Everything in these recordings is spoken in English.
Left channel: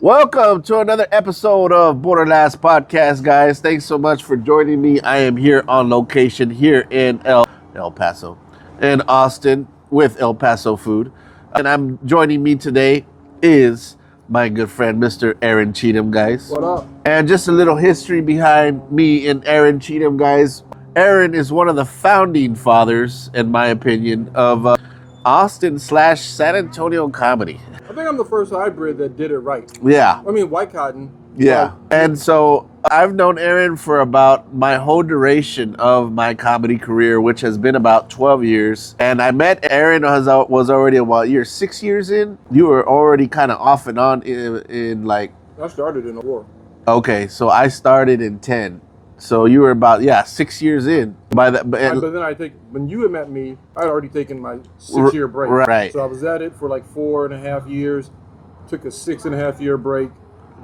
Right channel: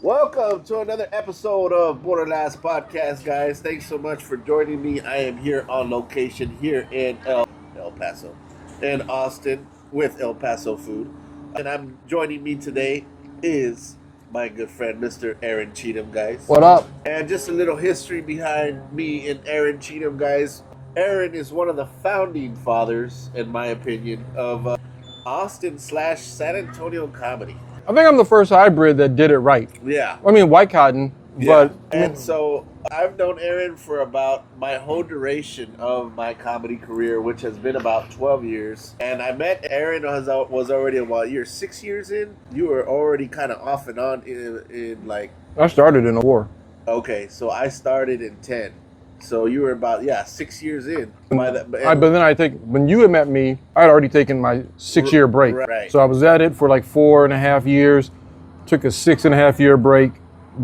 Welcome to another episode of BorderLaughs podcast, guys. Thanks so much for joining me. I am here on location here in El Paso, in Austin with El Paso Food. And I'm joining me today is my good friend, Mr. Aaron Cheatham, guys. What up? And just a little history behind me and Aaron Cheatham, guys. Aaron is one of the founding fathers, in my opinion, of Austin/San Antonio comedy. I think I'm the first hybrid that did it right. Yeah. I mean, white cotton. Yeah. And so I've known Aaron for about my whole duration of my comedy career, which has been about 12 years. And I met Aaron was already about 6 years in. You were already kind of off and on in like... I started in the war. Okay, so I started in 10. So you were about, 6 years in. But then I think, when you had met me, I had already taken my 6-year break. Right. So I was at it for like 4.5 years, took a 6.5-year break,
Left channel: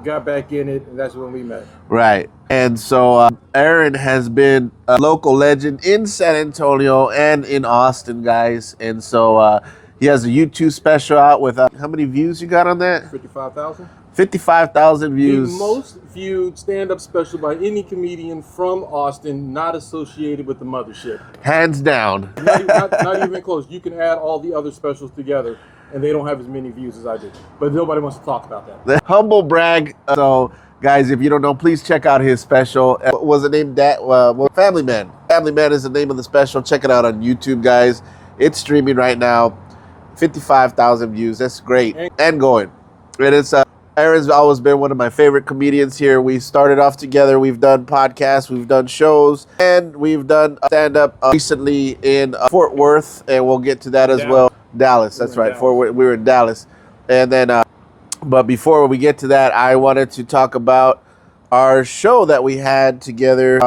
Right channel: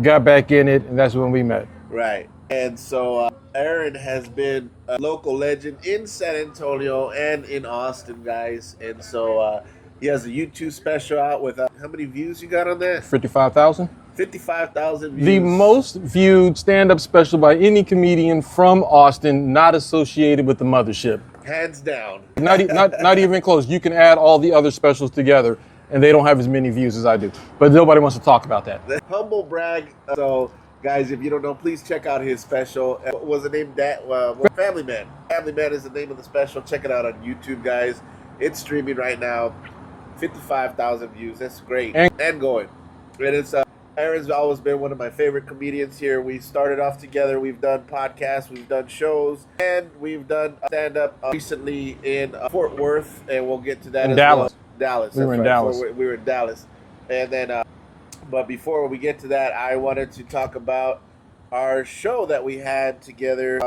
got back in it, and that's when we met. Right. And so Aaron has been a local legend in San Antonio and in Austin, guys. And so he has a YouTube special out with, how many views you got on that? 55,000? 55,000 views. The most viewed stand-up special by any comedian from Austin not associated with the mothership. Hands down. Not even close. You can add all the other specials together, and they don't have as many views as I do. But nobody wants to talk about that. The humble brag. So, guys, if you don't know, please check out his special. What was the name? Family Man. Family Man is the name of the special. Check it out on YouTube, guys. It's streaming right now. 55,000 views. That's great. And going. And it's... Aaron's always been one of my favorite comedians here. We started off together. We've done podcasts, we've done shows, and we've done stand-up recently in Fort Worth, and we'll get to that as well. Dallas, that's right. We were in Dallas. And then, but before we get to that, I wanted to talk about our show that we had together.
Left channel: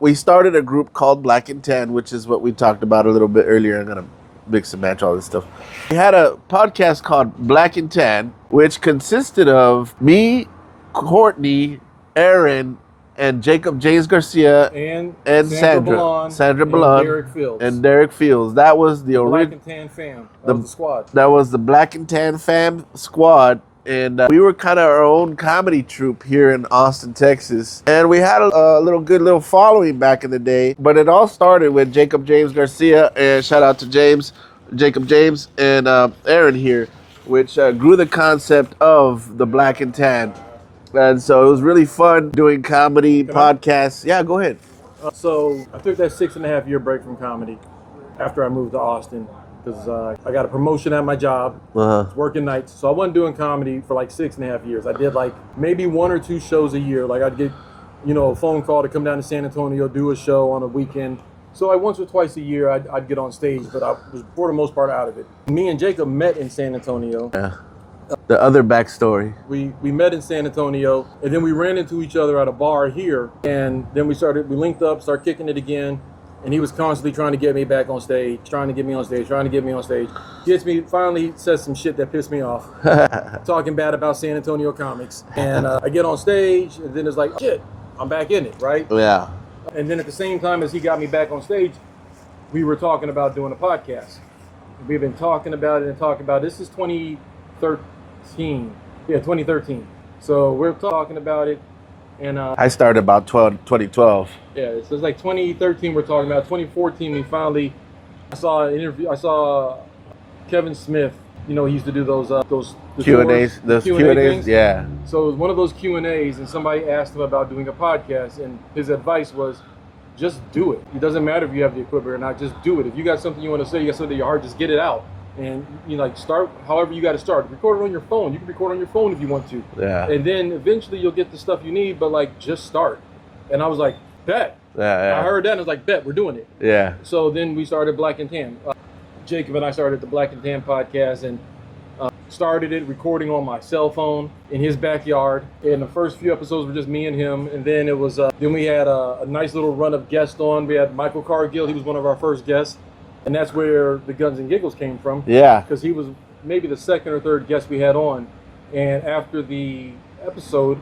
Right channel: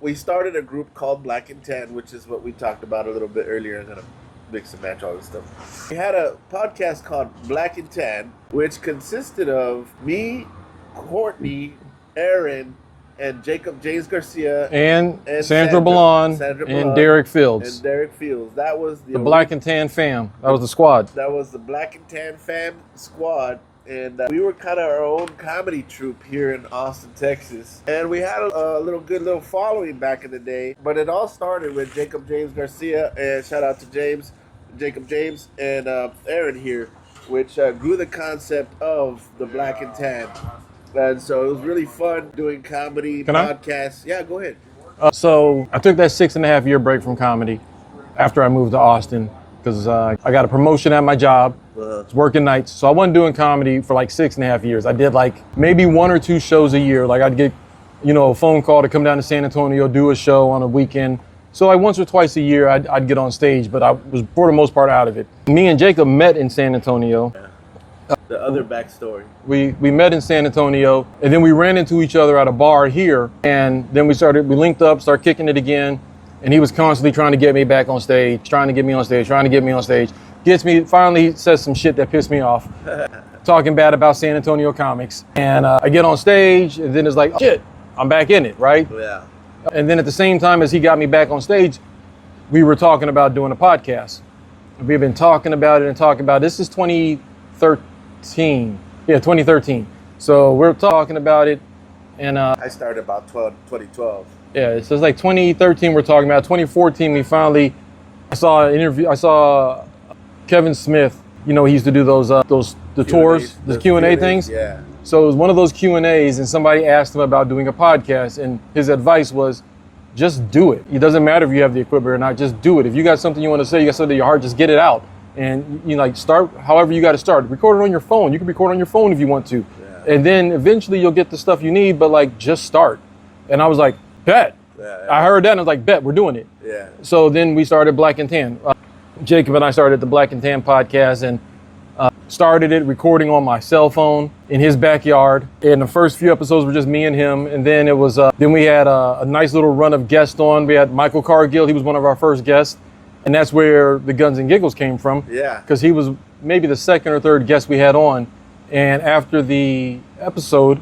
We started a group called Black and Tan, which is what we talked about a little bit earlier. I'm going to mix and match all this stuff. We had a podcast called Black and Tan, which consisted of me, Courtney, Aaron, and Jacob James Garcia, and Sandra Ballon, and Derek Fields. That was the Black and Tan fam. That was the squad. That was the Black and Tan fam squad. And we were kind of our own comedy troupe here in Austin, Texas. And we had a good little following back in the day. But it all started with Jacob James Garcia, and shout out to Jacob James, and Aaron here, which grew the concept of the Black and Tan. And so it was really fun doing comedy podcasts. Yeah, go ahead. So I took that 6.5-year break from comedy after I moved to Austin, because I got a promotion at my job. I was working nights. So I wasn't doing comedy for like 6.5 years. I did like maybe 1 or 2 shows a year. Like I'd get, a phone call to come down to San Antonio, do a show on a weekend. So like once or twice a year, I'd get on stage, but I was for the most part out of it. Me and Jacob met in San Antonio. Yeah. The other backstory. We met in San Antonio, and then we ran into each other at a bar here, and then we linked up, started kicking it again. And he was constantly trying to get me back on stage, trying to get me on stage. Finally he says some shit that pissed me off, talking bad about San Antonio comics. And I get on stage, and then it's like, oh, shit, I'm back in it, right? Yeah. And then at the same time as he got me back on stage, we were talking about doing a podcast. We've been talking about it. This is 2013. Yeah, 2013. So we're talking about it. And I started about 2012. Yeah, so it's like 2013 we're talking about. 2014 I saw an interview. I saw Kevin Smith. He used to do those tours, the Q&A things. Yeah. So it was one of those Q&As, and somebody asked him about doing a podcast, and his advice was, just do it. It doesn't matter if you have the equipment or not. Just do it. If you got something you want to say, you got something in your heart, just get it out. And start however you got to start. Record it on your phone. You can record on your phone if you want to. Yeah. And then eventually you'll get the stuff you need, but just start. And I was like, bet. Yeah. I heard that and I was like, bet, we're doing it. Yeah. So then we started Black and Tan. Jacob and I started the Black and Tan podcast, and started it recording on my cell phone in his backyard. And the first few episodes were just me and him. And then it was, then we had a nice little run of guests on. We had Michael Cargill. He was one of our first guests. And that's where the Guns and Giggles came from. Yeah. Because he was maybe the second or third guest we had on. And after the episode,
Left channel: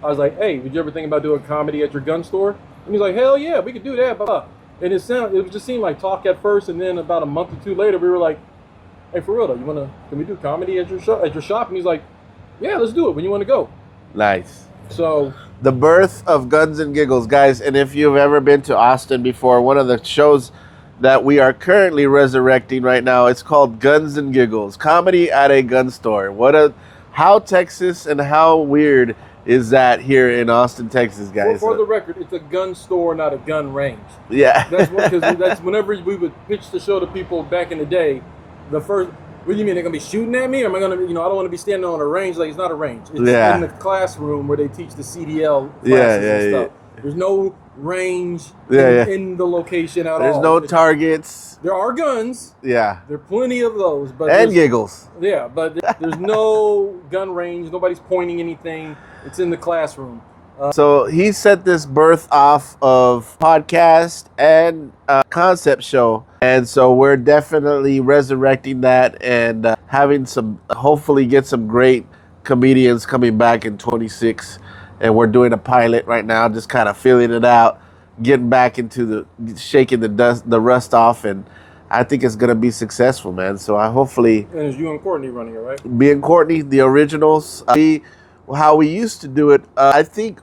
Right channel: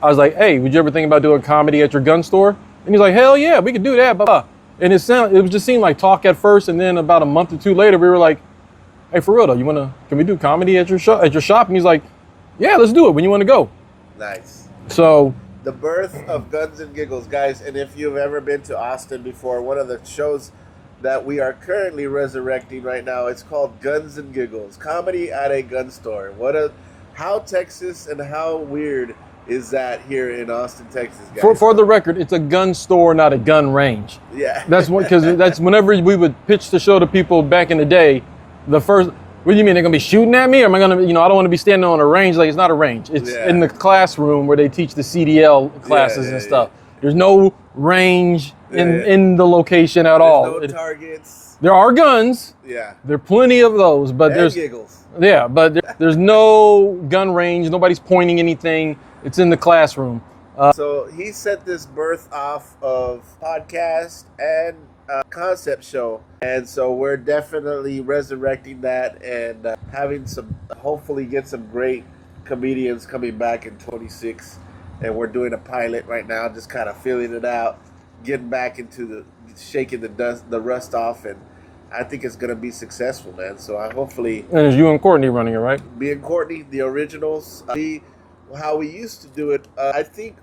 I was like, hey, would you ever think about doing comedy at your gun store? And he's like, hell yeah, we could do that. And it just seemed like talk at first. And then about a month or two later, we were like, hey, for real though, can we do comedy at your shop? And he's like, Yeah, let's do it. When you want to go? Nice. So the birth of Guns and Giggles, guys. And if you've ever been to Austin before, one of the shows that we are currently resurrecting right now, it's called Guns and Giggles, comedy at a gun store. How Texas and how weird is that here in Austin, Texas, guys? For the record, it's a gun store, not a gun range. Yeah. That's whenever we would pitch the show to people back in the day, the first, what do you mean, they're gonna be shooting at me? Or am I gonna, I don't want to be standing on a range. Like, it's not a range. It's in the classroom where they teach the CDL classes and stuff. Yeah. There's no range in the location at all. There's no targets. There are guns. Yeah. There are plenty of those. And giggles. Yeah, but there's no gun range. Nobody's pointing anything. It's in the classroom. So he set this birth off of podcast and concept show. And so we're definitely resurrecting that and hopefully get some great comedians coming back in 26. And we're doing a pilot right now, just kind of feeling it out, getting back into shaking the rust off. And I think it's going to be successful, man. So hopefully. And it's you and Courtney running it, right? Me and Courtney, the originals. How we used to do it, I think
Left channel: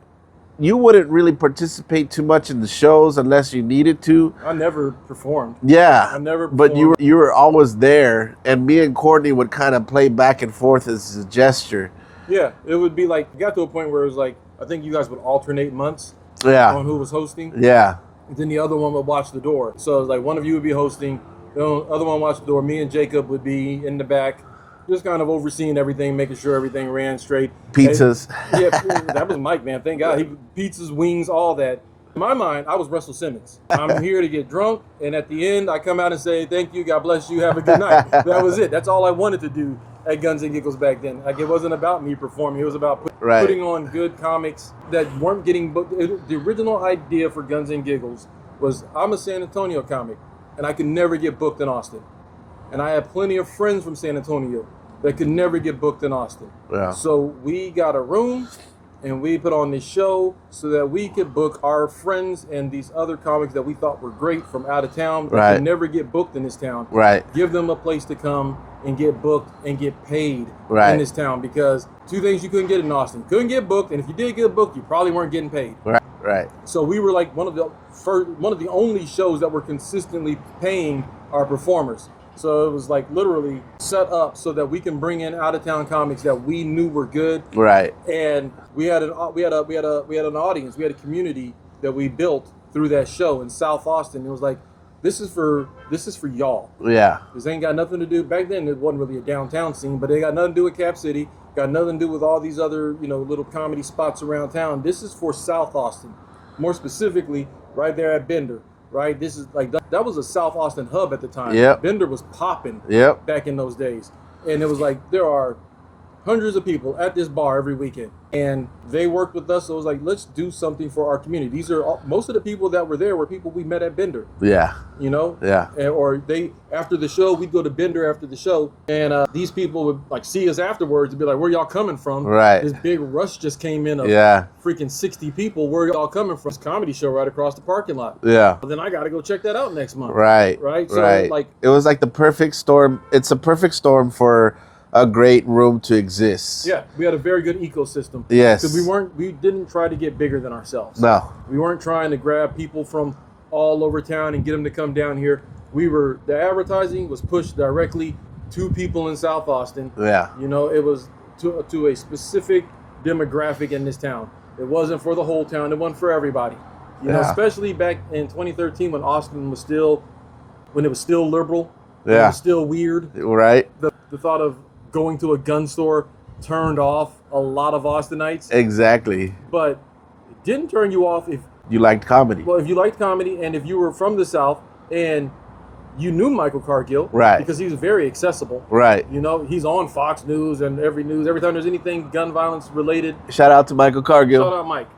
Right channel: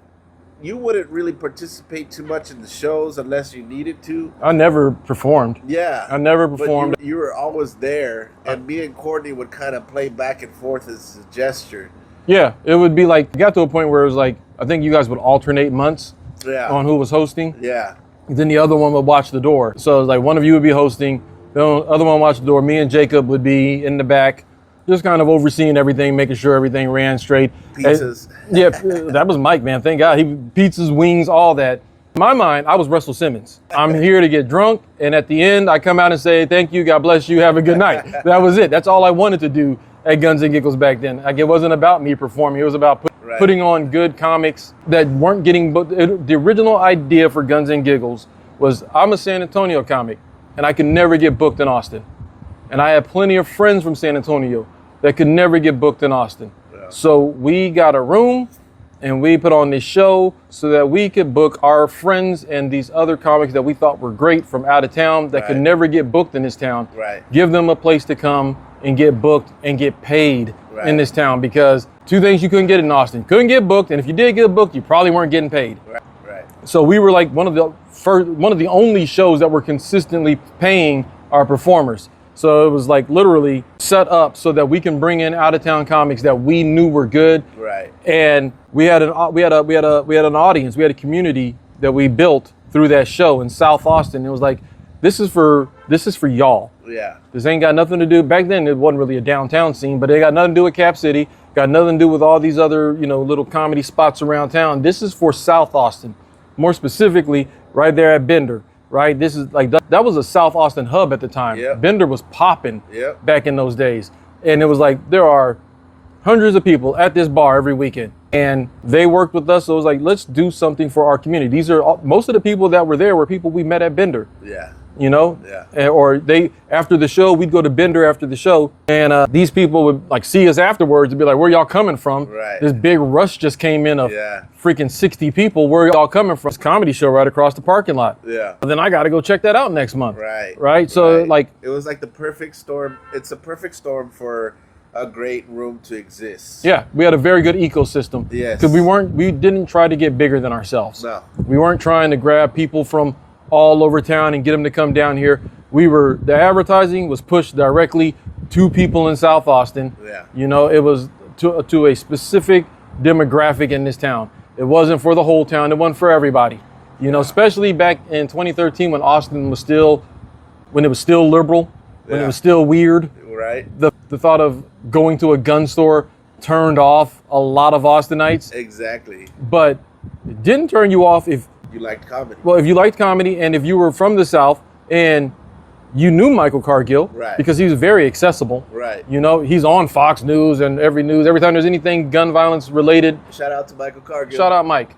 you wouldn't really participate too much in the shows unless you needed to. I never performed. Yeah. I never performed. But you were always there, and me and Courtney would kind of play back and forth as a gesture. Yeah, it would be like, it got to a point where it was like, I think you guys would alternate months on who was hosting. Yeah. Then the other one would watch the door. So it was like one of you would be hosting, the other one watched the door. Me and Jacob would be in the back, just kind of overseeing everything, making sure everything ran straight. Pizzas. Yeah, that was Mike, man. Thank God. Pizzas, wings, all that. In my mind, I was Russell Simmons. I'm here to get drunk, and at the end, I come out and say, thank you, God bless you, have a good night. That was it. That's all I wanted to do at Guns and Giggles back then. Like, it wasn't about me performing. It was about putting on good comics that weren't getting booked. The original idea for Guns and Giggles was, I'm a San Antonio comic, and I could never get booked in Austin. And I had plenty of friends from San Antonio that could never get booked in Austin. Yeah. So we got a room and we put on this show so that we could book our friends and these other comics that we thought were great from out of town that could never get booked in this town. Right. Give them a place to come and get booked and get paid in this town, because two things you couldn't get in Austin. Couldn't get booked, and if you did get booked, you probably weren't getting paid. Right. So we were like one of the only shows that were consistently paying our performers. So it was like literally set up so that we can bring in out-of-town comics that we knew were good. Right. And we had an audience, we had a community that we built through that show in South Austin. It was like, this is for y'all. Yeah. This ain't got nothing to do. Back then it wasn't really a downtown scene, but it got nothing to do with Cap City. Got nothing to do with all these other, little comedy spots around town. This is for South Austin, more specifically right there at Bender. Right, this is like that was a South Austin hub at the time. Yeah, Bender was popping back in those days, and it was like there are hundreds of people at this bar every weekend, and they worked with us. So it was like, let's do something for our community. These are most of the people that were there were people we met at Bender. Yeah, or after the show, we'd go to Bender after the show, and these people would like see us afterwards and be like, "Where y'all coming from?" Right. This big rush just came in of freaking 60 people. Where y'all coming from? This comedy show right across the parking lot. Yeah. And then I got to go check that out next month. Right. So like, it was like the perfect storm. It's a perfect storm for a great room to exist. Yeah, we had a very good ecosystem. Yes. Because we didn't try to get bigger than ourselves. No. We weren't trying to grab people from all over town and get them to come down here. The advertising was pushed directly to people in South Austin. Yeah. It was to a specific demographic in this town. It wasn't for the whole town. It wasn't for everybody. Especially back in 2013 when Austin was still liberal. Yeah. It was still weird. Right. The thought of going to a gun store turned off a lot of Austinites. Exactly. But it didn't turn you off if you liked comedy. Well, if you liked comedy and if you were from the South and you knew Michael Cargill. Right. Because he was very accessible. Right. He's on Fox News and every time there's anything gun violence related. Shout out to Michael Cargill. Shout out Mike.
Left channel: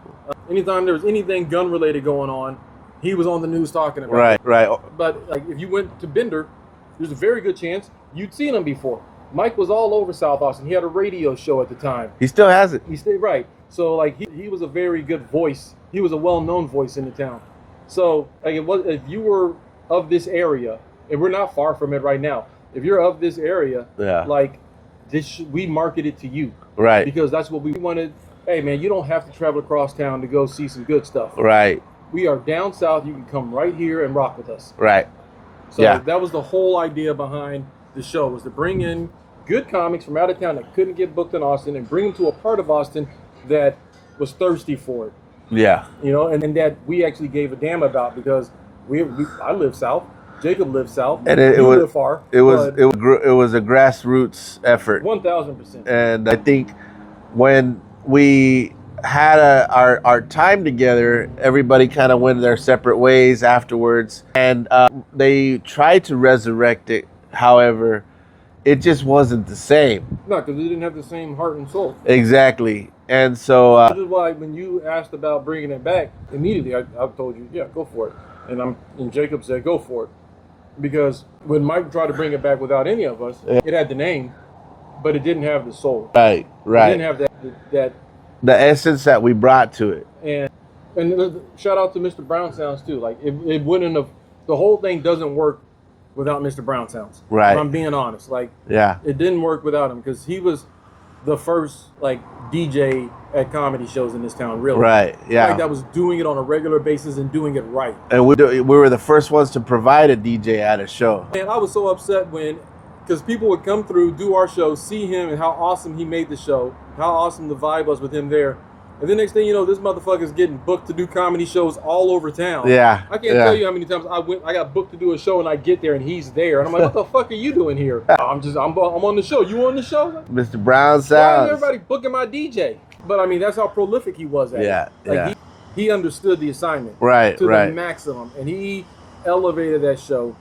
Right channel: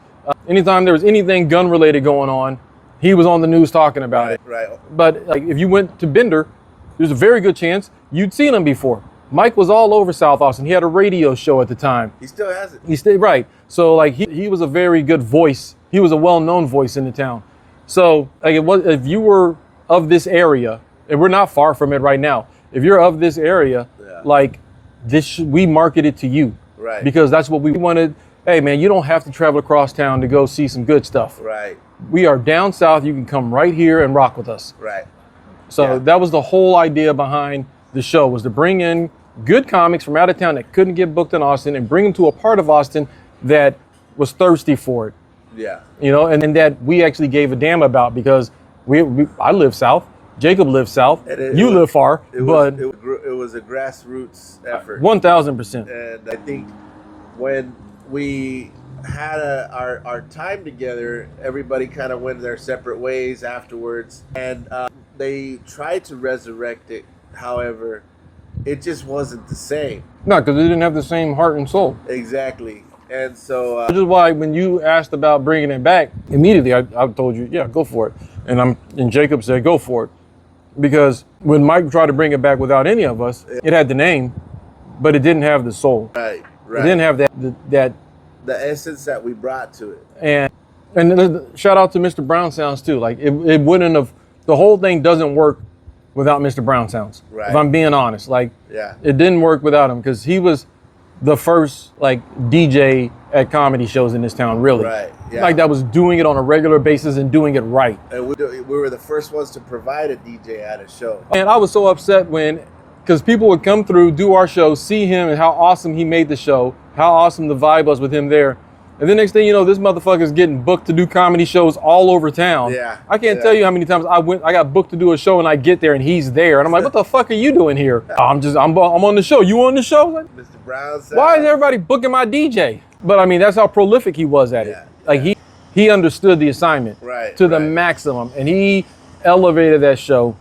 Anytime there was anything gun related going on, he was on the news talking about it. Right. But like, if you went to Bender, there's a very good chance you'd seen him before. Mike was all over South Austin. He had a radio show at the time. He still has it. He stayed right. So like he was a very good voice. He was a well-known voice in the town. So like if you were of this area, and we're not far from it right now. If you're of this area, like we marketed to you. Right. Because that's what we wanted. Hey, man, you don't have to travel across town to go see some good stuff. Right. We are down south. You can come right here and rock with us. Right. So that was the whole idea behind the show, was to bring in good comics from out of town that couldn't get booked in Austin and bring them to a part of Austin that was thirsty for it. Yeah. You know, and that we actually gave a damn about, because I live south. Jacob lives south. And you live far. It was a grassroots effort. 1,000%. And I think when we had our time together, everybody kind of went their separate ways afterwards, and they tried to resurrect it. However, it just wasn't the same. No, because it didn't have the same heart and soul. Exactly. And so which is why when you asked about bringing it back, immediately I told you, yeah, go for it. And Jacob said, go for it. Because when Mike tried to bring it back without any of us, it had the name, but it didn't have the soul. Right. It didn't have that the essence that we brought to it. And shout out to Mr. Brown Sounds too. Like it wouldn't have, the whole thing doesn't work without Mr. Brown Sounds. Right. If I'm being honest. Like it didn't work without him, because he was the first like DJ at comedy shows in this town, really. Right. Yeah. Like that was doing it on a regular basis and doing it right. And we were the first ones to provide a DJ at a show. And I was so upset because people would come through, do our show, see him and how awesome he made the show, how awesome the vibe was with him there. And the next thing you know, this motherfucker's getting booked to do comedy shows all over town. Yeah. I can't tell you how many times I got booked to do a show and I get there and he's there. And I'm like, what the fuck are you doing here? I'm on the show. You on the show? Like, Mr. Brown Sounds. why is everybody booking my DJ? But I mean, that's how prolific he was at it. Like he understood the assignment to the maximum. And he elevated that show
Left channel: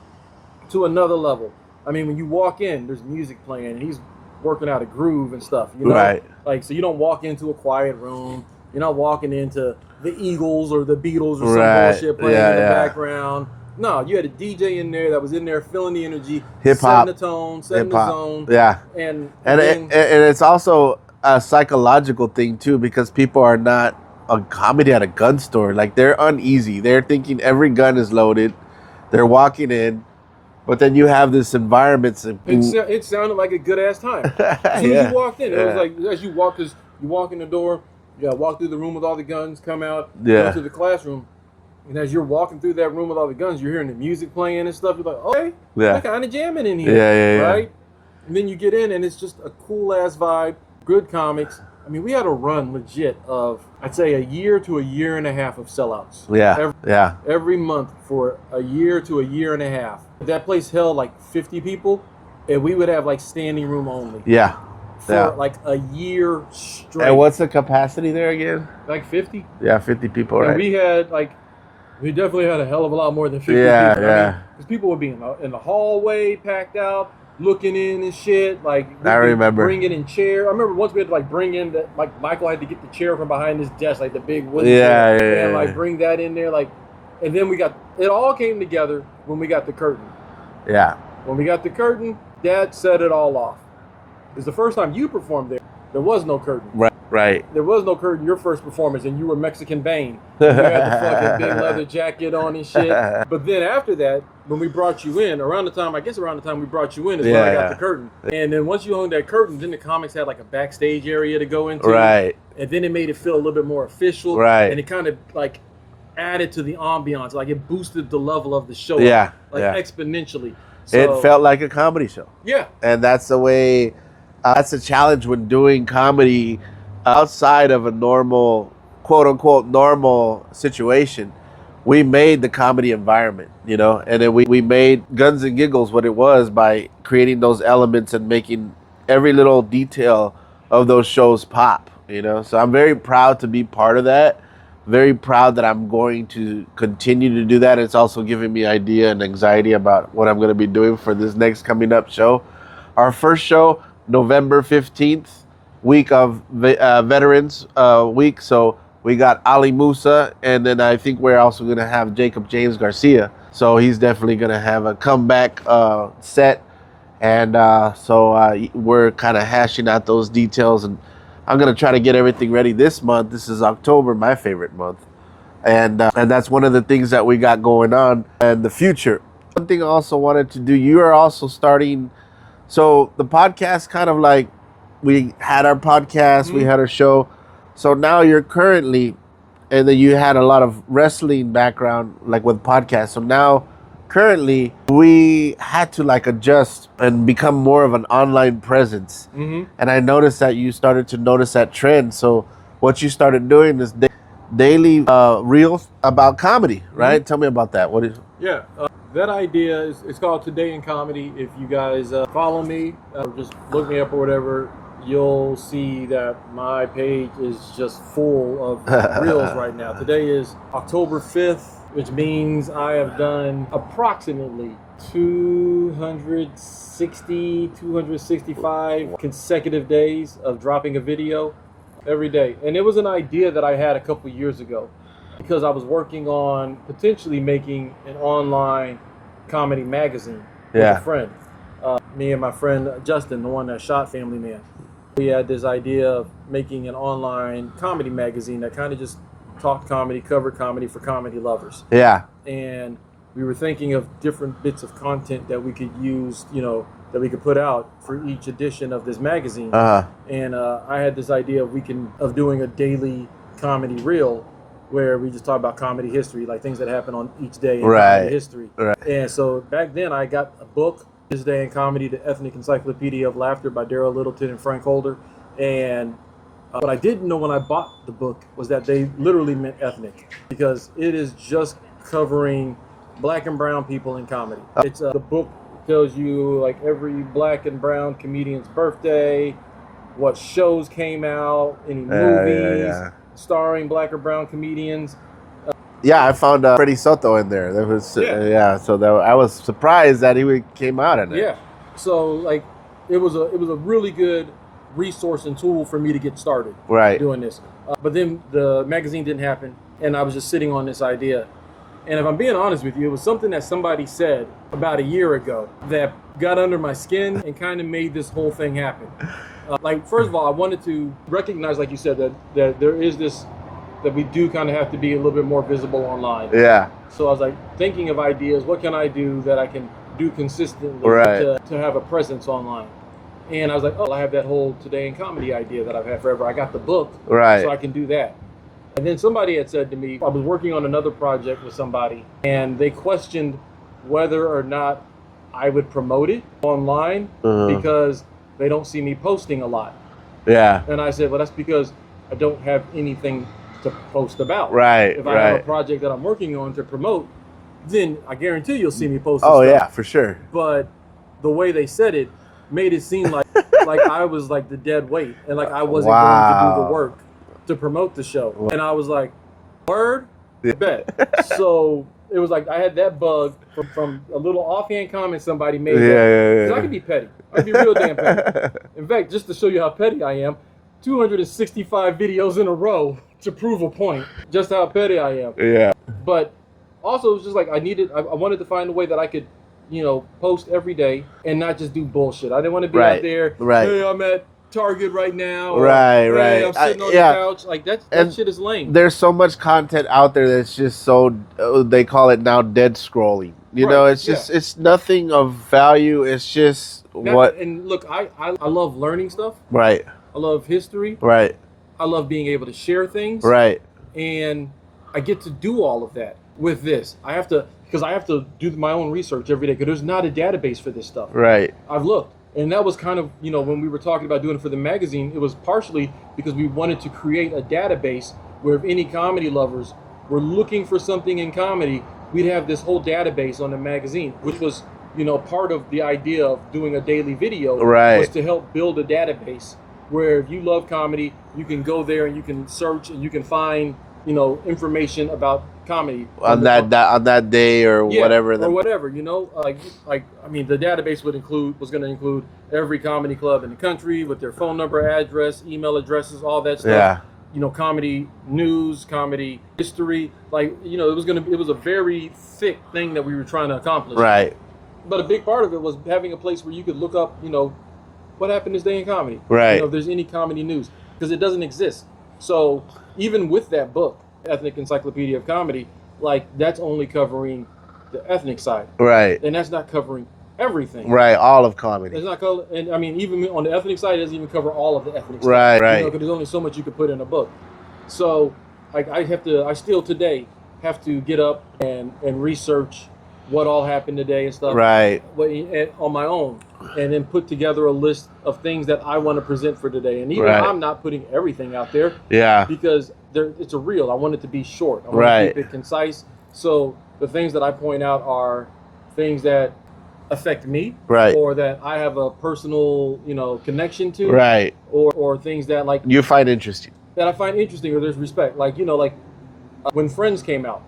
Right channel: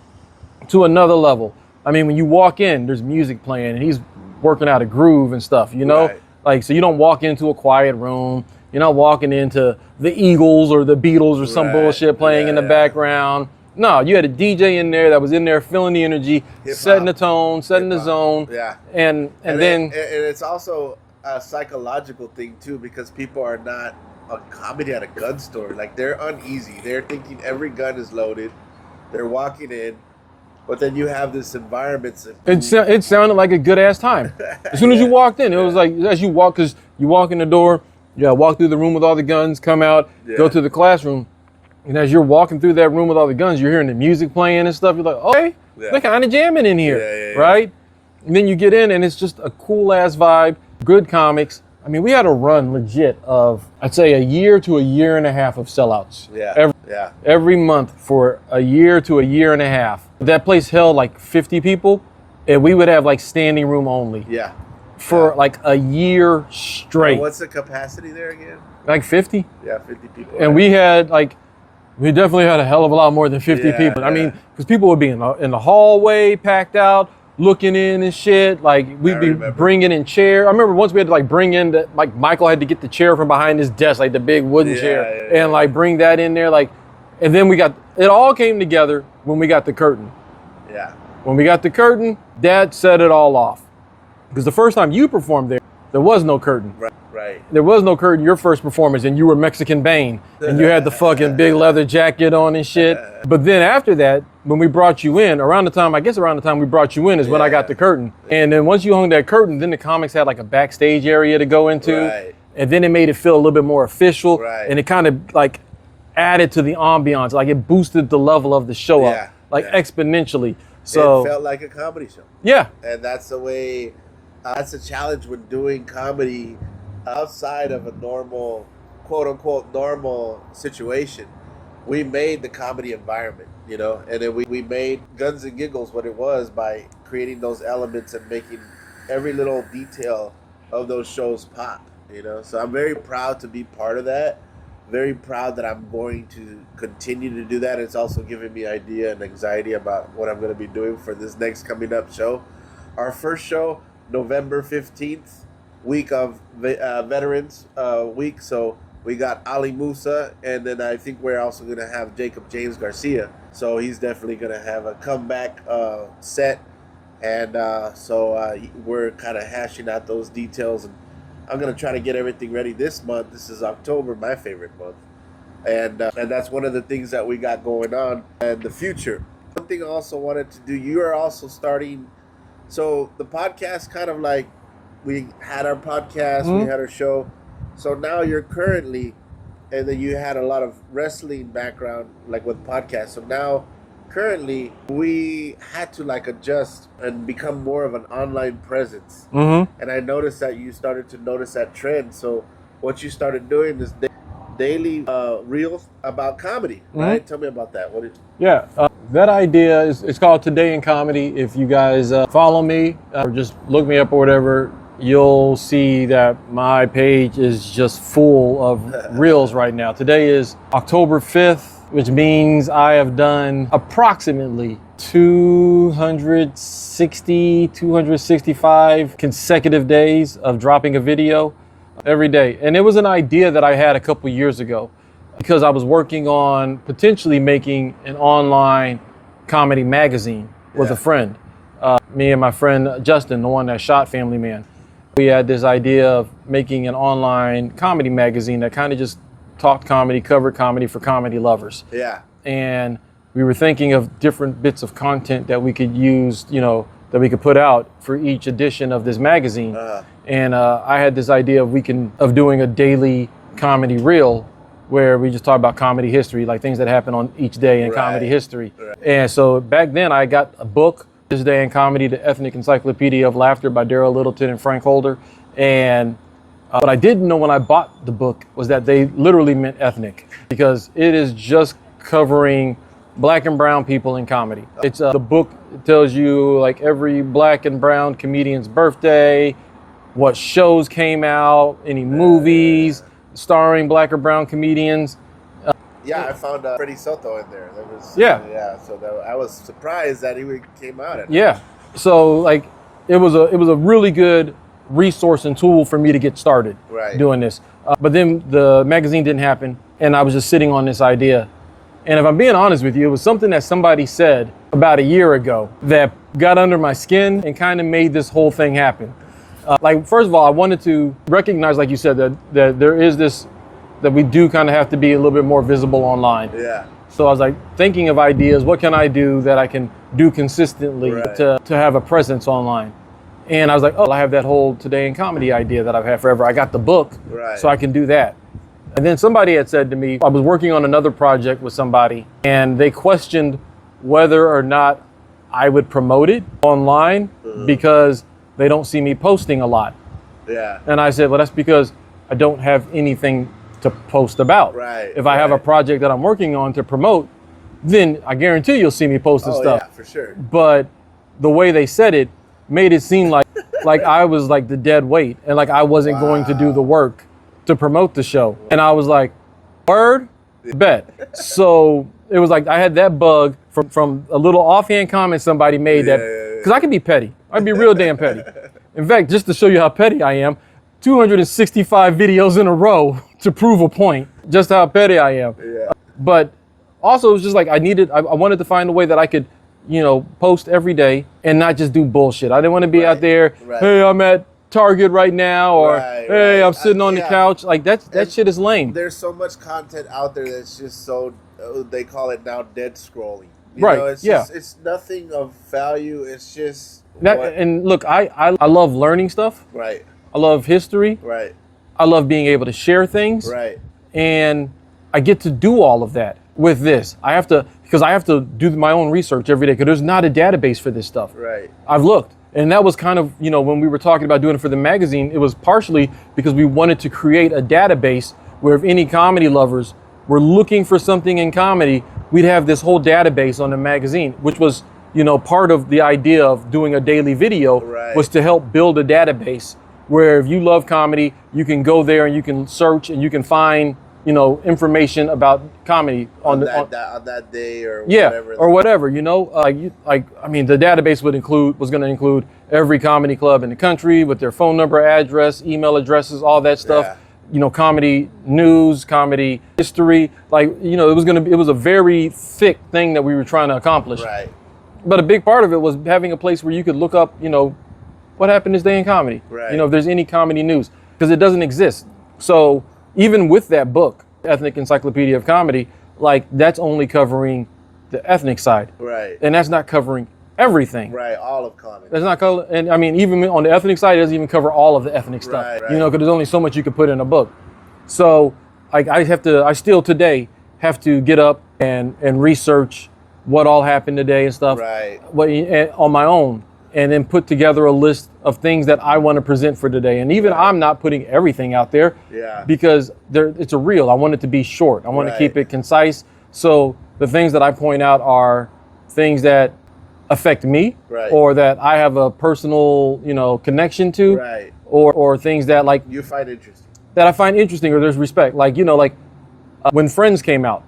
to another level. I mean, when you walk in, there's music playing and he's working out a groove and stuff, you know? Right. Like, so you don't walk into a quiet room. You're not walking into the Eagles or the Beatles or some bullshit playing in the background. No, you had a DJ in there that was in there feeling the energy, setting the tone, setting the zone. Yeah. And then it's also a psychological thing too, because people are not a comedy at a gun store. Like, they're uneasy. They're thinking every gun is loaded. They're walking in. But then you have this environment. It sounded like a good ass time. As soon as you walked in, it was like, as you walk, because you walk in the door, walk through the room with all the guns, come out, go to the classroom. And as you're walking through that room with all the guns, you're hearing the music playing and stuff. You're like, okay, they're kind of jamming in here, right? And then you get in and it's just a cool ass vibe, good comics. I mean, we had a run legit of, I'd say, a year to a year and a half of sellouts. Every month for a year to a year and a half. That place held like 50 people, and we would have like standing room only. For like a year straight. And what's the capacity there again? Like 50. Yeah, 50 people. And we definitely had a hell of a lot more than 50 people. I mean, because people would be in the hallway, packed out, looking in and shit. Like, we'd be bringing in chair. I remember once we had to like bring in Michael had to get the chair from behind his desk, like the big wooden chair, and like bring that in there. Like, and then it all came together when we got the curtain. Yeah. When we got the curtain, Dad set it all off. Because the first time you performed there was no curtain. Right. There was no curtain your first performance, and you were Mexican Bane. And you had the fucking big leather jacket on and shit. But then after that, when we brought you in, around the time we brought you in is when I got the curtain. And then once you hung that curtain, then the comics had like a backstage area to go into. Right. And then it made it feel a little bit more official. Right. And it kind of like added to the ambiance. Like, it boosted the level of the show up, exponentially. So it felt like a comedy show. Yeah. And that's the way, that's a challenge when doing comedy outside of a normal, quote unquote, normal situation. We made the comedy environment, you know, and then we made Guns and Giggles what it was by creating those elements and making every little detail of those shows pop, you know. So I'm very proud to be part of that. Very proud that I'm going to continue to do that. It's also giving me idea and anxiety about what I'm going to be doing for this next coming up show. Our first show, November 15th, week of Veterans Week. So we got Ali Musa, and then I think we're also going to have Jacob James Garcia. So he's definitely going to have a comeback set. And so we're kind of hashing out those details, and I'm going to try to get everything ready this month. This is October, my favorite month. And that's one of the things that we got going on in the future. One thing I also wanted to do, you are also starting, so the podcast kind of like we had our podcast, we had our show. So now you're currently, and then you had a lot of wrestling background, like with podcasts. So now, currently, we had to like adjust and become more of an online presence. And I noticed that you started to notice that trend. So what you started doing is daily reels about comedy, right? Tell me about that. What is? Yeah, that idea is, it's called Today in Comedy. If you guys follow me or just look me up or whatever, you'll see that my page is just full of reels right now. Today is October 5th, which means I have done approximately 265 consecutive days of dropping a video every day. And it was an idea that I had a couple years ago because I was working on potentially making an online comedy magazine with a friend. Me and my friend Justin, the one that shot Family Man. We had this idea of making an online comedy magazine that kind of just talked comedy, covered comedy for comedy lovers. Yeah. And we were thinking of different bits of content that we could use, you know, that we could put out for each edition of this magazine. And I had this idea of doing a daily comedy reel where we just talk about comedy history, like things that happen on each day in comedy history. And so back then I got a book, This Day in Comedy, the Ethnic Encyclopedia of Laughter by Daryl Littleton and Frank Holder. And what I didn't know when I bought the book was that they literally meant ethnic, because it is just covering Black and brown people in comedy. It's the book tells you like every Black and brown comedian's birthday, what shows came out, any movies starring Black or brown comedians. I found Freddie Soto in there. That was so I was surprised that he came out in it. Yeah, so like it was a really good resource and tool for me to get started doing this. But then the magazine didn't happen, and I was just sitting on this idea. And if I'm being honest with you, it was something that somebody said about a year ago that got under my skin and kind of made this whole thing happen. Like, first of all, I wanted to recognize, like you said, that there is this, that we do kind of have to be a little bit more visible online. Yeah. So I was like thinking of ideas. What can I do that I can do consistently to have a presence online? And I was like, oh, I have that whole Today in Comedy idea that I've had forever. I got the book, so I can do that. And then somebody had said to me, I was working on another project with somebody, and they questioned whether or not I would promote it online because they don't see me posting a lot. Yeah. And I said, well, that's because I don't have anything to post about. If I have a project that I'm working on to promote, then I guarantee you'll see me posting stuff. Oh yeah, for sure. But the way they said it made it seem like I was like the dead weight, and like I wasn't going to do the work to promote the show. And I was like, word? Bet. So it was like I had that bug from a little offhand comment somebody made because I can be petty. I'd be real damn petty. In fact, just to show you how petty I am, 265 videos in a row to prove a point, just how petty I am. Yeah. But also it was just like I wanted to find a way that I could, you know, post every day and not just do bullshit. I didn't want to be out there, hey, I'm at Target right now, or hey, I'm sitting on the couch. Like that shit is lame. There's so much content out there that's just so, they call it now dead scrolling. You know, it's just, it's nothing of value. It's just And look, I love learning stuff. I love history. I love being able to share things. And I get to do all of that with this. Because I have to do my own research every day, because there's not a database for this stuff. I've looked. And that was kind of, you know, when we were talking about doing it for the magazine, it was partially because we wanted to create a database where if any comedy lovers were looking for something in comedy, we'd have this whole database on the magazine, which was, you know, part of the idea of doing a daily video was to help build a database where if you love comedy, you can go there and you can search and you can find, you know, information about comedy on that day or whatever. You know, I mean, the database was going to include every comedy club in the country with their phone number, address, email addresses, all that stuff. You know, comedy news, comedy history. Like, you know, it was a very thick thing that we were trying to accomplish. But a big part of it was having a place where you could look up, you know, what happened this day in comedy. You know, if there's any comedy news, because it doesn't exist. So even with that book, Ethnic Encyclopedia of Comedy, like that's only covering the ethnic side. And that's not covering everything. Right, all of comedy. It's not cover, and I mean, even on the ethnic side, it doesn't even cover all of the ethnic stuff. Right. You know, because there's only so much you could put in a book. So, like, I still today have to get up and research what all happened today and stuff. Right. On my own, and then put together a list of things that I want to present for today. And even I'm not putting everything out there. Yeah. Because it's a reel. I want it to be short. I want to keep it concise. So the things that I point out are things that affect me, or that I have a personal, connection to, or things that like you find interesting. That I find interesting, or there's respect. Like, when Friends came out,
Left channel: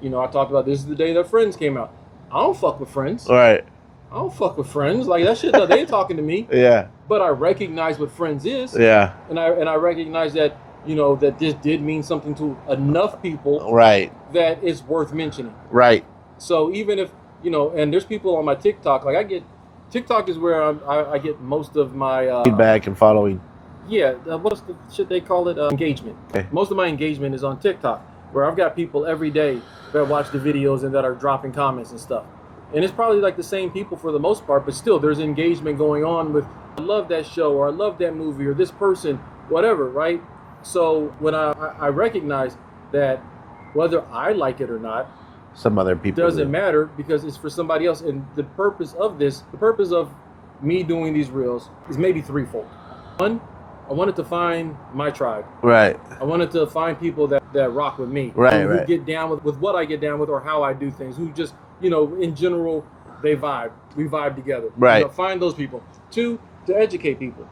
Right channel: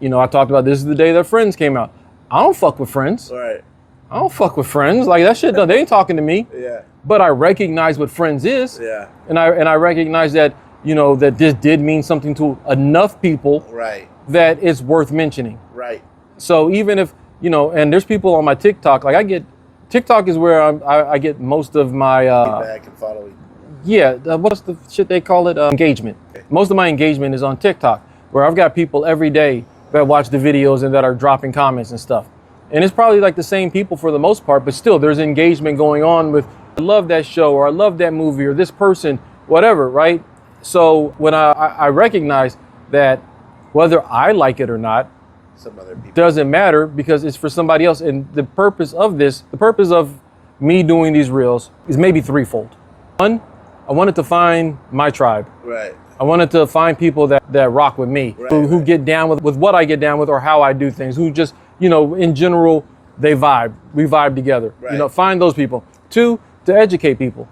I talked about this is the day that Friends came out. I don't fuck with Friends. Right. I don't fuck with Friends. Like, that shit, they ain't talking to me. Yeah. But I recognize what Friends is. Yeah. And I recognize that, that this did mean something to enough people. Right. That it's worth mentioning. Right. So even if, and there's people on my TikTok, like TikTok is where I get most of my feedback and following. Yeah. What's the shit they call it? Engagement. Okay. Most of my engagement is on TikTok, where I've got people every day that watch the videos and that are dropping comments and stuff. And it's probably like the same people for the most part, but still there's engagement going on with, I love that show, or I love that movie, or this person, whatever, right? So when I recognize that whether I like it or not, some other people doesn't matter, because it's for somebody else. And the purpose of me doing these reels is maybe threefold. One, I wanted to find my tribe. Right. I wanted to find people that rock with me, who get down with what I get down with, or how I do things, who just, in general, we vibe together. Right. Find those people. Two, to educate people,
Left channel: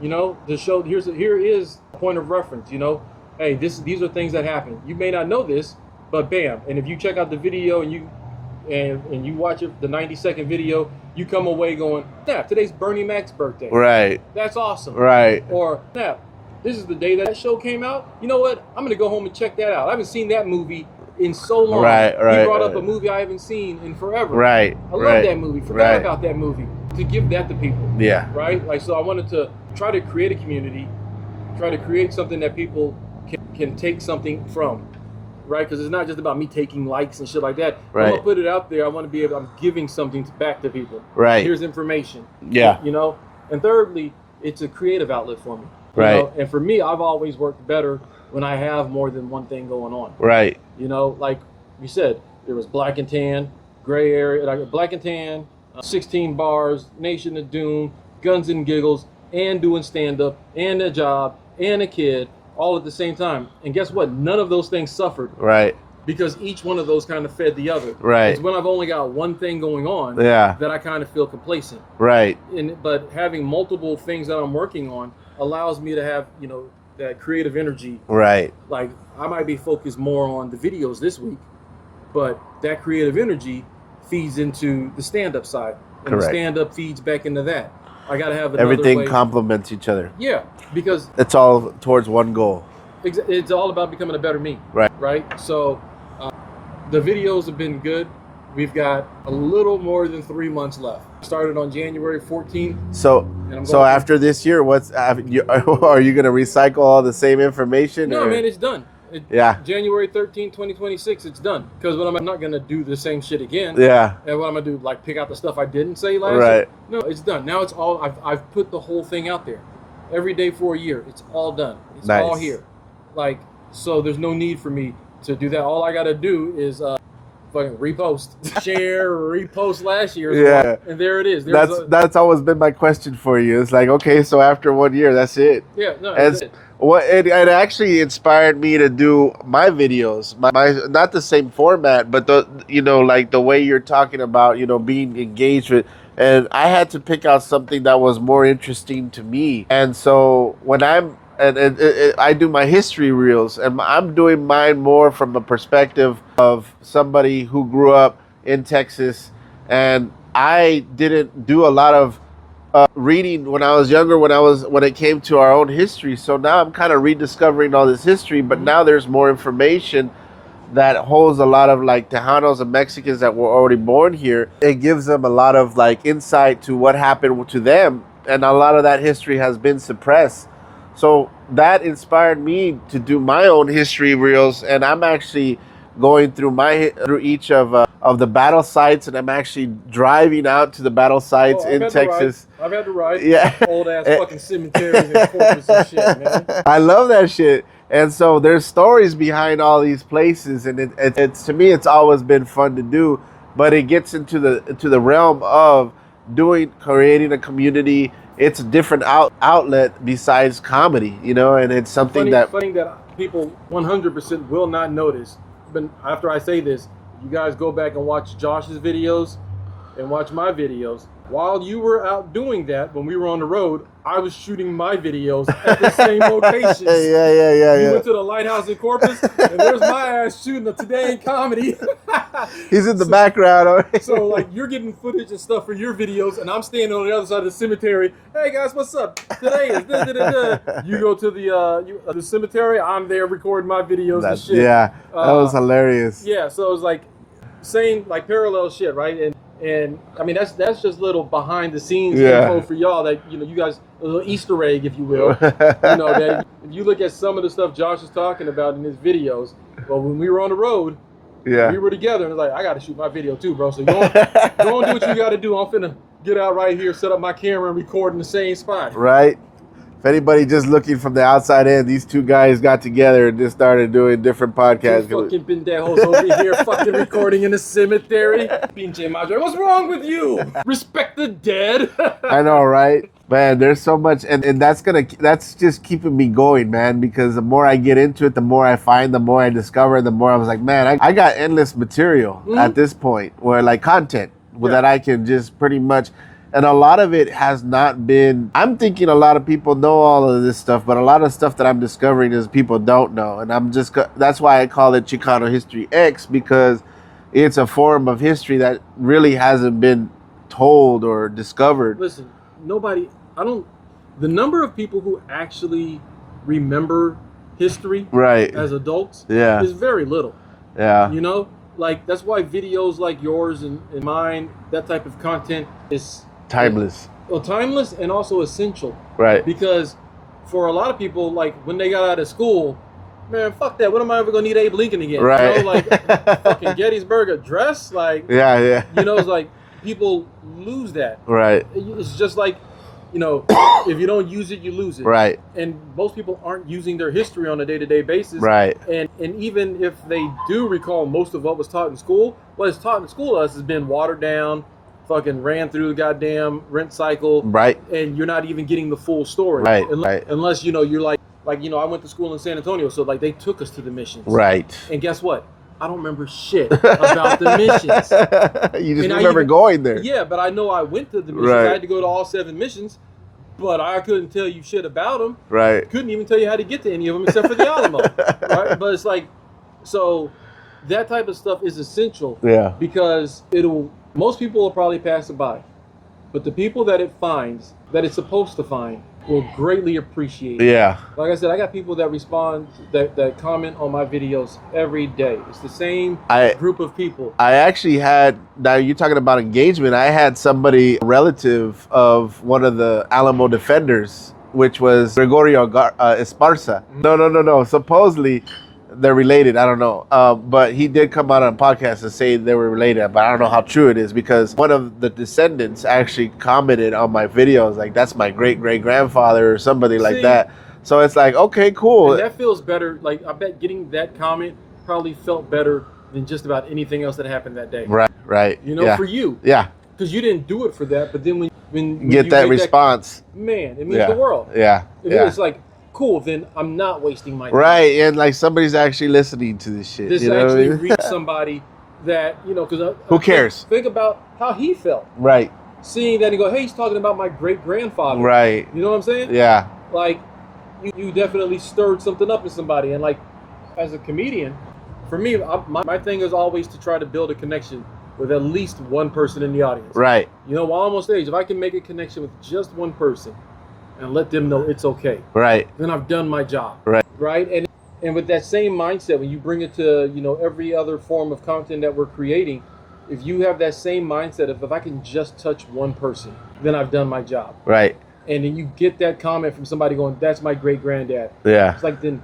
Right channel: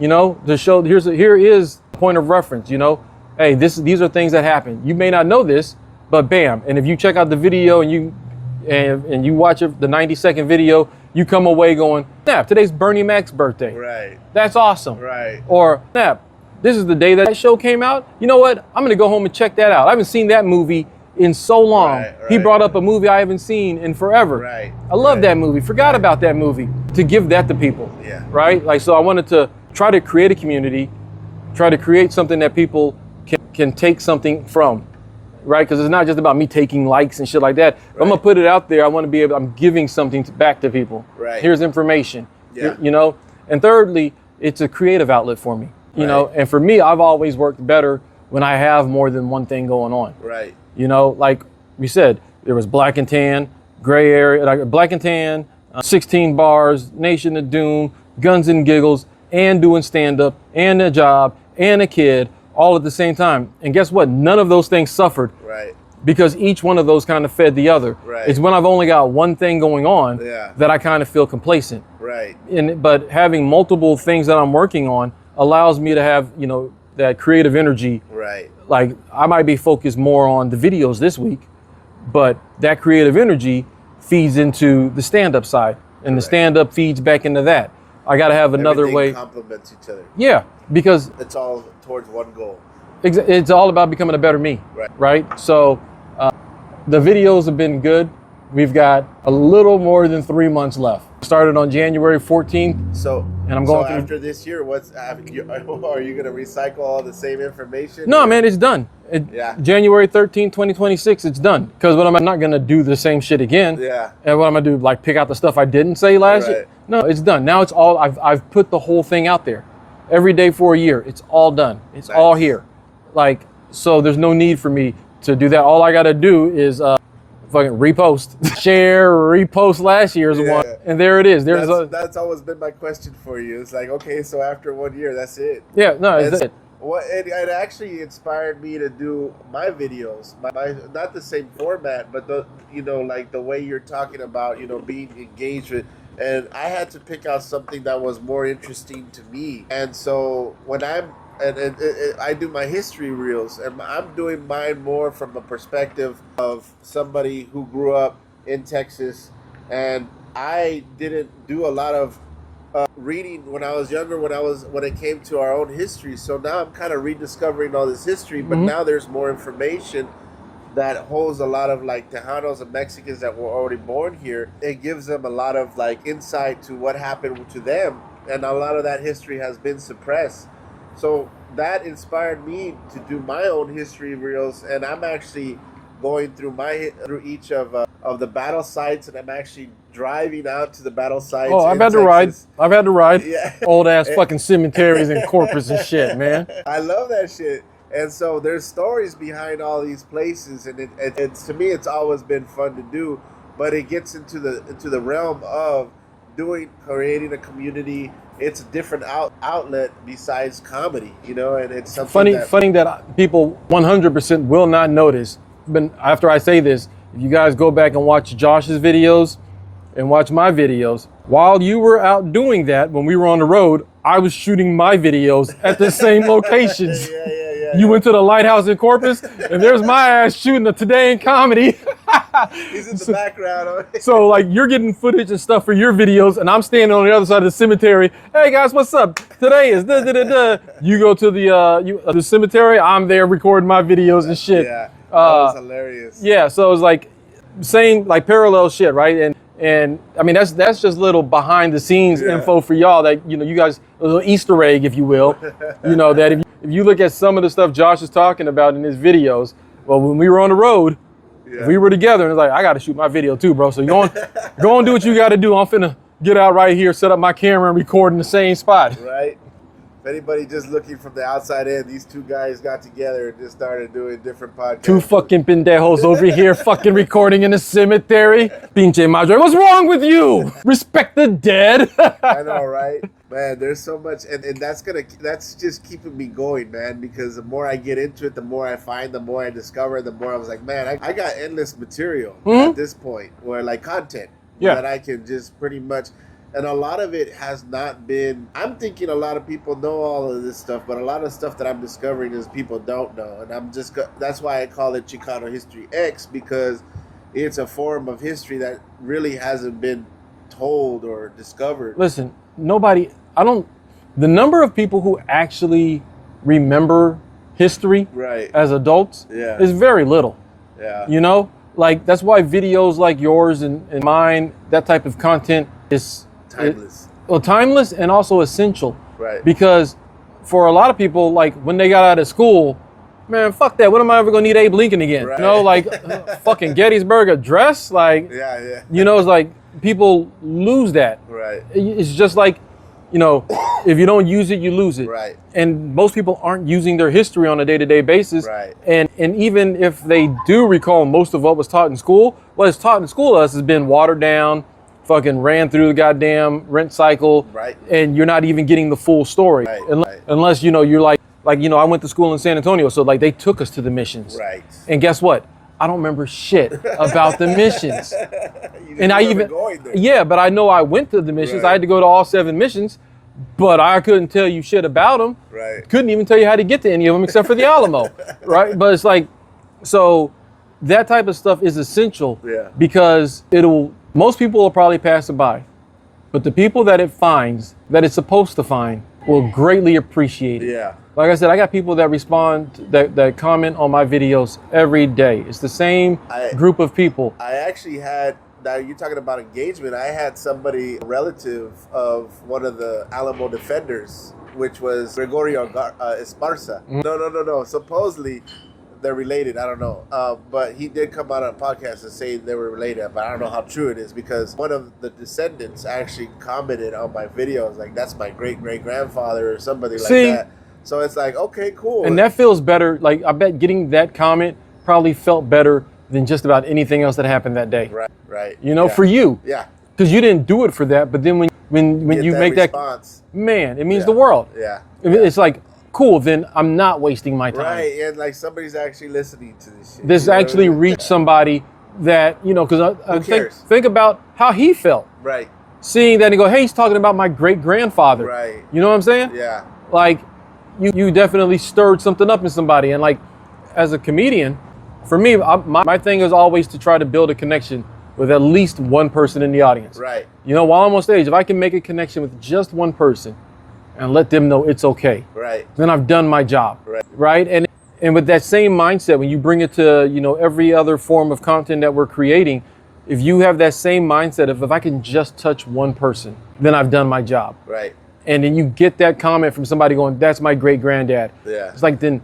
to show, here is a point of reference, hey, these are things that happen. You may not know this, but bam. And if you check out the video and you watch the 90-second video, you come away going, snap, today's Bernie Mac's birthday. Right. That's awesome. Right. Or, snap, this is the day that show came out. You know what? I'm going to go home and check that out. I haven't seen that movie in so long. He brought up a movie I haven't seen in forever. Right. I love that movie. Forgot about that movie. To give that to people. Yeah. Right? Like, so I wanted to try to create a community, try to create something that people can take something from. Right? Because it's not just about me taking likes and shit like that. Right. I'm going to put it out there. I want to be I'm giving something back to people. Right. Here's information. Yeah. And thirdly, it's a creative outlet for me. You know, and for me, I've always worked better when I have more than one thing going on. Right. Like we said, there was Black and Tan, Gray Area, Black and Tan, 16 Bars, Nation of Doom, Guns and Giggles, and doing stand-up, and a job, and a kid, all at the same time. And guess what? None of those things suffered. Right. Because each one of those kind of fed the other. Right. It's when I've only got one thing going on that I kind of feel complacent. Right. But having multiple things that I'm working on allows me to have, that creative energy. Right. Like, I might be focused more on the videos this week, but that creative energy feeds into the stand-up side, and the stand-up feeds back into that. I got to have another way. Everything complements each other. Yeah, because it's all towards one goal. It's all about becoming a better me. Right. So the videos have been good. We've got a little more than 3 months left. Started on January 14th. So after this year, are you going to recycle all the same information? No, man, it's done. January 13th, 2026, it's done. Because I'm not going to do the same shit again. Yeah. And what I'm going to do, like, pick out the stuff I didn't say last year? No, it's done. Now it's all, I've put the whole thing out there. Every day for a year. It's all done. It's all here. Like, so there's no need for me to do that. All I got to do is fucking repost, share, repost last year's one, and there it is. That's always been my question for you. It's like, okay, so after 1 year, that's it. Yeah, no, that's it. It actually inspired me to do my videos, my not the same format, but like the way you're talking about, being engaged with. And I had to pick out something that was more interesting to me. And so when I do my history reels, and I'm doing mine more from a perspective of somebody who grew up in Texas, and I didn't do a lot of reading when I was younger, when it came to our own history. So now I'm kind of rediscovering all this history, but now there's more information that holds a lot of like Tejanos and Mexicans that were already born here. It gives them a lot of like insight to what happened to them, and a lot of that history has been suppressed. So that inspired me to do my own history reels, and I'm actually going through each of the battle sites, and I'm actually driving out to the battle sites in Texas. I've had to ride. Yeah. Old ass fucking cemeteries and corpus and shit, man. I love that shit. And so there's stories behind all these places, and it's to me it's always been fun to do, but it gets into the realm of creating a community. It's a different outlet besides comedy, you know, and it's something funny that people 100% will not notice. But after I say this, if you guys go back and watch Josh's videos and watch my videos, while you were out doing that, when we were on the road, I was shooting my videos at the same locations. Yeah. You went to the lighthouse in Corpus, and there's my ass shooting a Today in Comedy. He's in the background. So like you're getting footage and stuff for your videos, and I'm standing on the other side of the cemetery. Hey guys, what's up? Today is da. You go to the cemetery. I'm there recording my videos and shit. Yeah, that was hilarious. Yeah, so it was like saying like parallel shit, right? And I mean that's just little behind the scenes info for y'all that you guys, a little Easter egg, if you will. That if you look at some of the stuff Josh is talking about in his videos, well, when we were on the road. Yeah. We were together, and it's like, I got to shoot my video too, bro. So you go and do what you got to do. I'm finna get out right here, set up my camera, and record in the same spot. Right. If anybody just looking from the outside in, these two guys got together and just started doing different podcasts. Two fucking pendejos over here fucking recording in a cemetery. Pinche madre, what's wrong with you? Respect the dead. I know, right? Man, there's so much, and that's just keeping me going, man, because the more I get into it, the more I find, the more I discover, the more I was like, man, I got endless material at this point, where like content that I can just pretty much. And a lot of it has not been, I'm thinking a lot of people know all of this stuff, but a lot of stuff that I'm discovering is people don't know. And that's why I call it Chicano History X, because it's a form of history that really hasn't been told or discovered. Listen, the number of people who actually remember history as adults is very little. Yeah. You know, like that's why videos like yours and mine, that type of content is timeless. Timeless and also essential. Right. Because for a lot of people, like when they got out of school, man, fuck that. When am I ever gonna need Abe Lincoln again? Right. You know, like fucking Gettysburg Address. Like, yeah. You know, it's like people lose that. Right. It's just like, if you don't use it, you lose it. Right. And most people aren't using their history on a day-to-day basis. Right. And even if they do recall most of what was taught in school, what is taught in school to us has been watered down, fucking ran through the goddamn rent cycle. Right. And you're not even getting the full story. Right. Unless, you're like, I went to school in San Antonio, so like they took us to the missions. Right. And guess what? I don't remember shit about the missions. You just remember going there. Yeah, but I know I went to the missions. Right. I had to go to all 7 missions, but I couldn't tell you shit about them. Right. Couldn't even tell you how to get to any of them except for the Alamo. Right. But it's like, so that type of stuff is essential. Yeah. Because most people will probably pass it by, but the people that it finds, that it's supposed to find, will greatly appreciate it. Yeah. Like I said, I got people that respond, that comment on my videos every day. It's the same group of people. I actually had, now you're talking about engagement, I had somebody, a relative of one of the Alamo defenders, which was Gregorio Esparza. No. Supposedly, they're related. I don't know. But he did come out on a podcast and say they were related, but I don't know how true it is, because one of the descendants actually commented on my videos, like, that's my great-great-grandfather or somebody like that. So it's like, okay, cool. And that feels better. Like, I bet getting that comment probably felt better than just about anything else that happened that day. Right. For you. Yeah. Because you didn't do it for that, but then when get you that make response, man, it means the world. Yeah. It's like, cool, then I'm not wasting my time. Right, and like somebody's actually listening to this shit. This actually reached somebody that, because who cares? Think about how he felt. Right. Seeing that and go, hey, he's talking about my great-grandfather. Right. You know what I'm saying? Yeah. Like, you definitely stirred something up in somebody. And like, as a comedian, for me, my thing is always to try to build a connection with at least one person in the audience. Right. While I'm on stage, if I can make a connection with just one person, and let them know it's okay. Right. Then I've done my job. Right. And with that same mindset, when you bring it to, every other form of content that we're creating, if you have that same mindset of, if I can just touch one person, then I've done my job. Right. And then you get that comment from somebody going, that's my great granddad. Yeah. It's like, then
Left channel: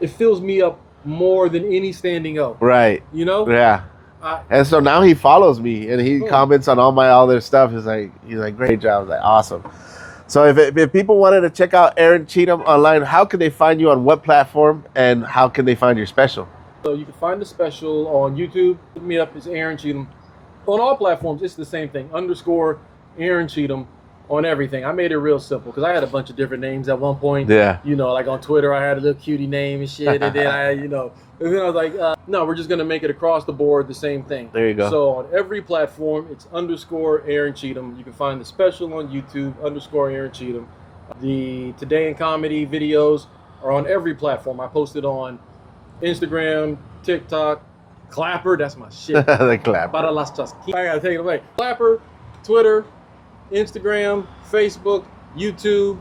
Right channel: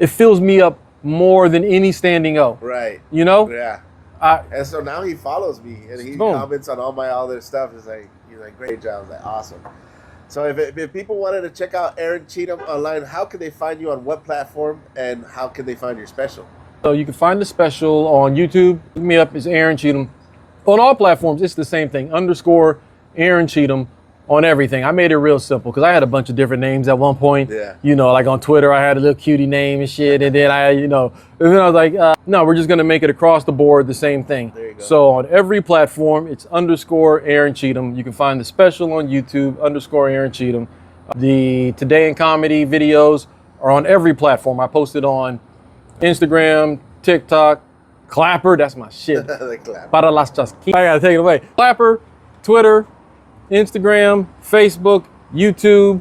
it fills me up more than any standing O. Right. You know? Yeah. And so now he follows me and he Boom. comments on all my other stuff. He's like, great job. I was like, awesome. So if people wanted to check out Aaron Cheatham online, how can they find you on what platform and how can they find your special? So you can find the special on YouTube. Look me up as Aaron Cheatham. On all platforms, it's the same thing. _ Aaron Cheatham on everything. I made it real simple because I had a bunch of different names at one point. Yeah. You know, like on Twitter, I had a little cutie name and shit. And then and then I was like, no, we're just going to make it across the board the same thing. There you go. So on every platform, it's _ Aaron Cheatham. You can find the special on YouTube, _ Aaron Cheatham. The Today in Comedy videos are on every platform. I posted on Instagram, TikTok, Clapper, that's my shit. The Clapper. BorderLaughs I gotta take it away. Clapper, Twitter, Instagram, Facebook, YouTube.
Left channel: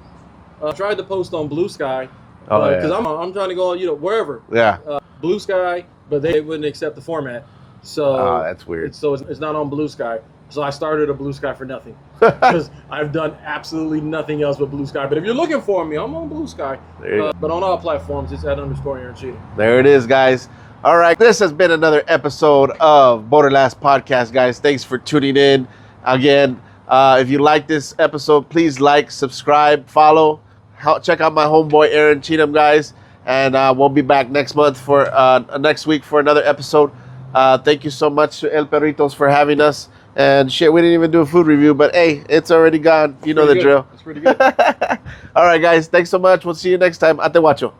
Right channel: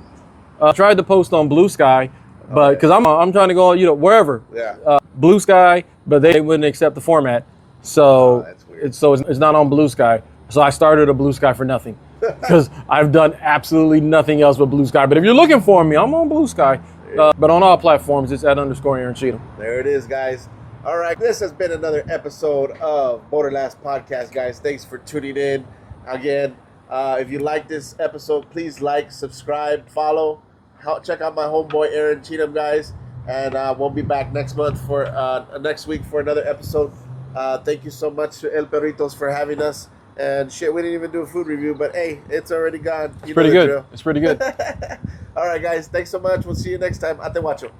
Tried to post on Blue Sky, because I'm trying to go, wherever. Yeah. Blue Sky, but they wouldn't accept the format. So that's weird. It's not on Blue Sky. So I started a Blue Sky for nothing because I've done absolutely nothing else but Blue Sky. But if you're looking for me, I'm on Blue Sky. But on all platforms, it's at _ Aaron Cheatham. There it is, guys. All right, this has been another episode of BorderLaughs Podcast, guys. Thanks for tuning in. Again, if you like this episode, please like, subscribe, follow. Check out my homeboy Aaron Cheatham, guys. And we'll be back next week for another episode. Thank you so much to El Perritos for having us. And shit, we didn't even do a food review, but hey, it's already gone. You know the drill. It's pretty good. All right, guys. Thanks so much. We'll see you next time. Ate Guacho.